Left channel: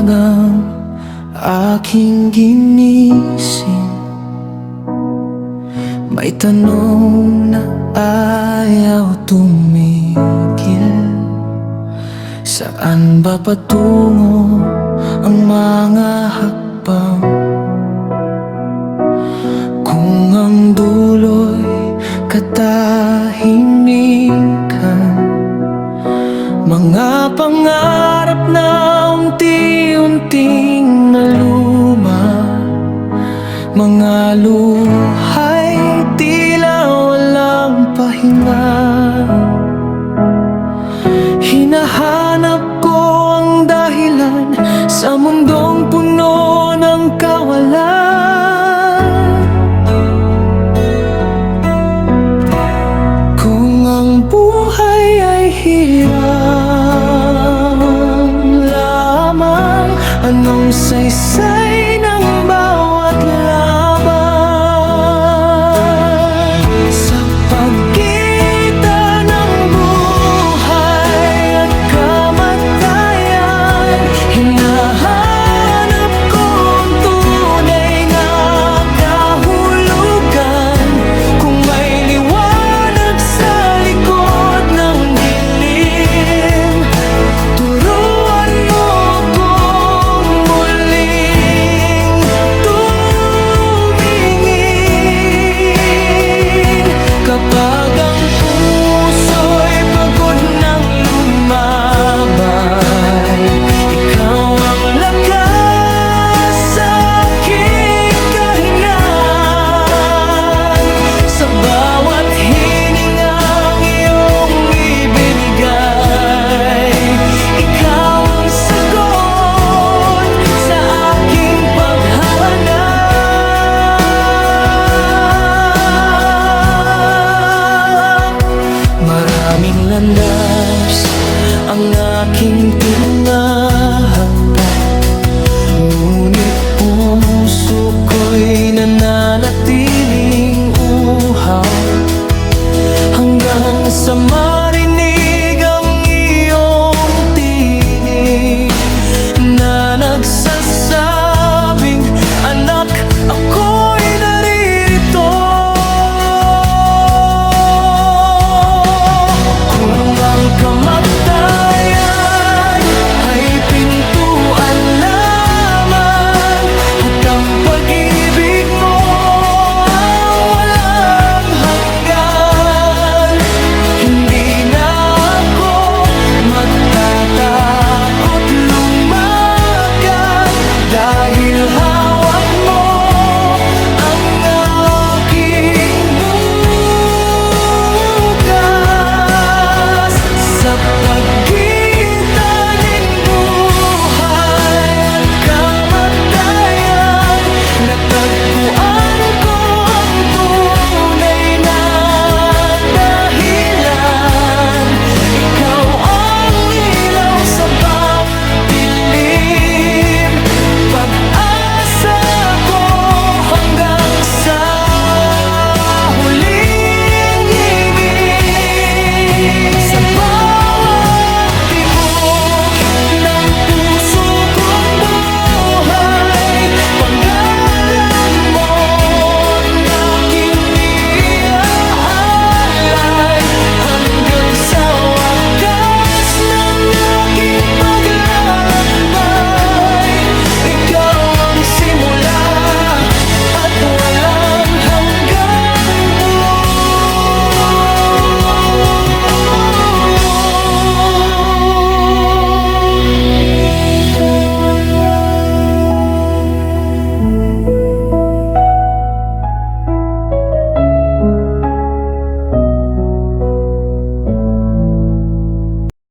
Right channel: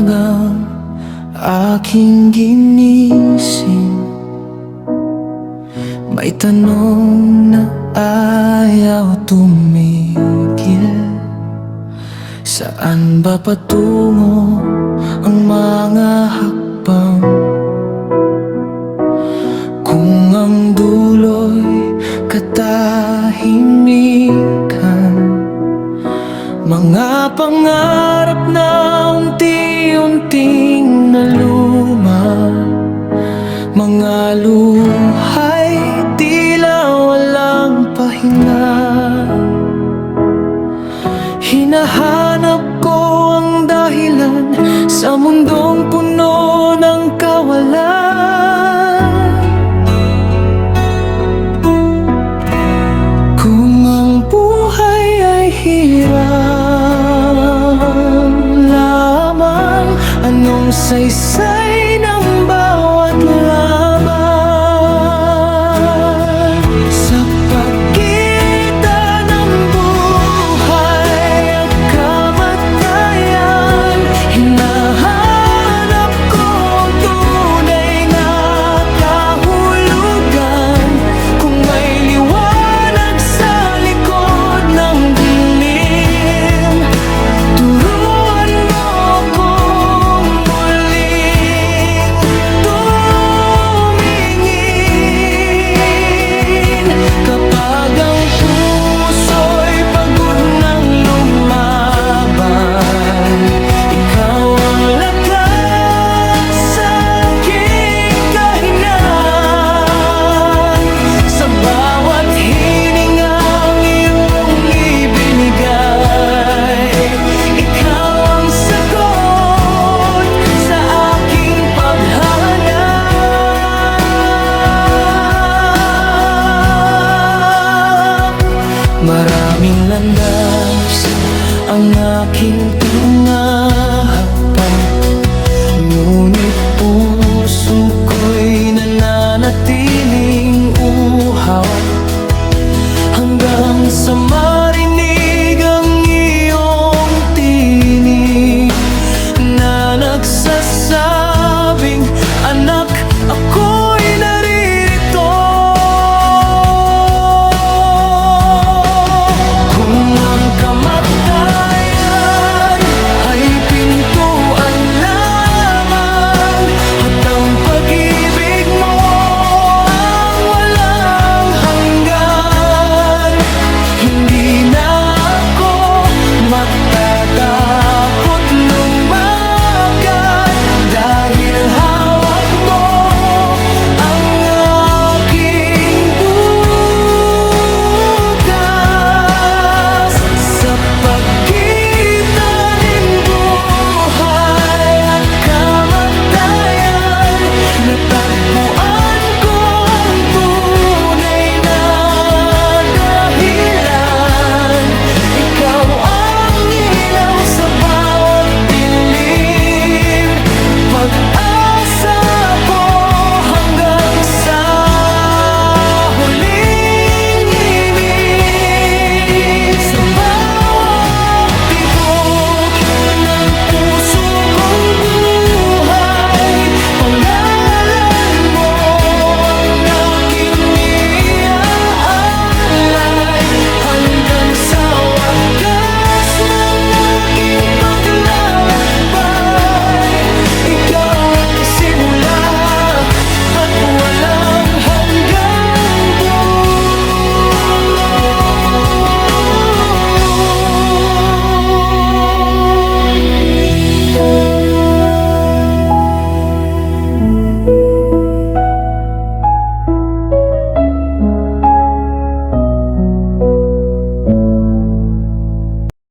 umagang aking ginising, may tanong na ayaw tumigil. Saan ba patungo ang mga hakbang? Kung ang dulo'y katahimikan, mga pangarap na unti-unting naluma, mga luhay tila walang pahinga. Hinahanap ko ang dahilan sa mundong puno ng kawalan. Kung ang buhay ay hirap lamang, anong saysay ng bawat laban? Sa pagitan ng buhay at kamatayan, hinahanap ko ang tunay na kahulugan. Kung may liwanag sa likod ng dilim, turuan mo akong muling tumingin. Kapag ang puso'y pagod ng lumaban, ikaw ang lakas sa aking kahinaan. Sa bawat hiningang iyong ibinigay, ikaw ang sagot sa aking paghahanap. Maraming landas ang aking tinahakbang, ngunit puso ko'y nananatiling uhaw, hanggang sa marinig ang iyong tinig na nagsasabing, anak, ako'y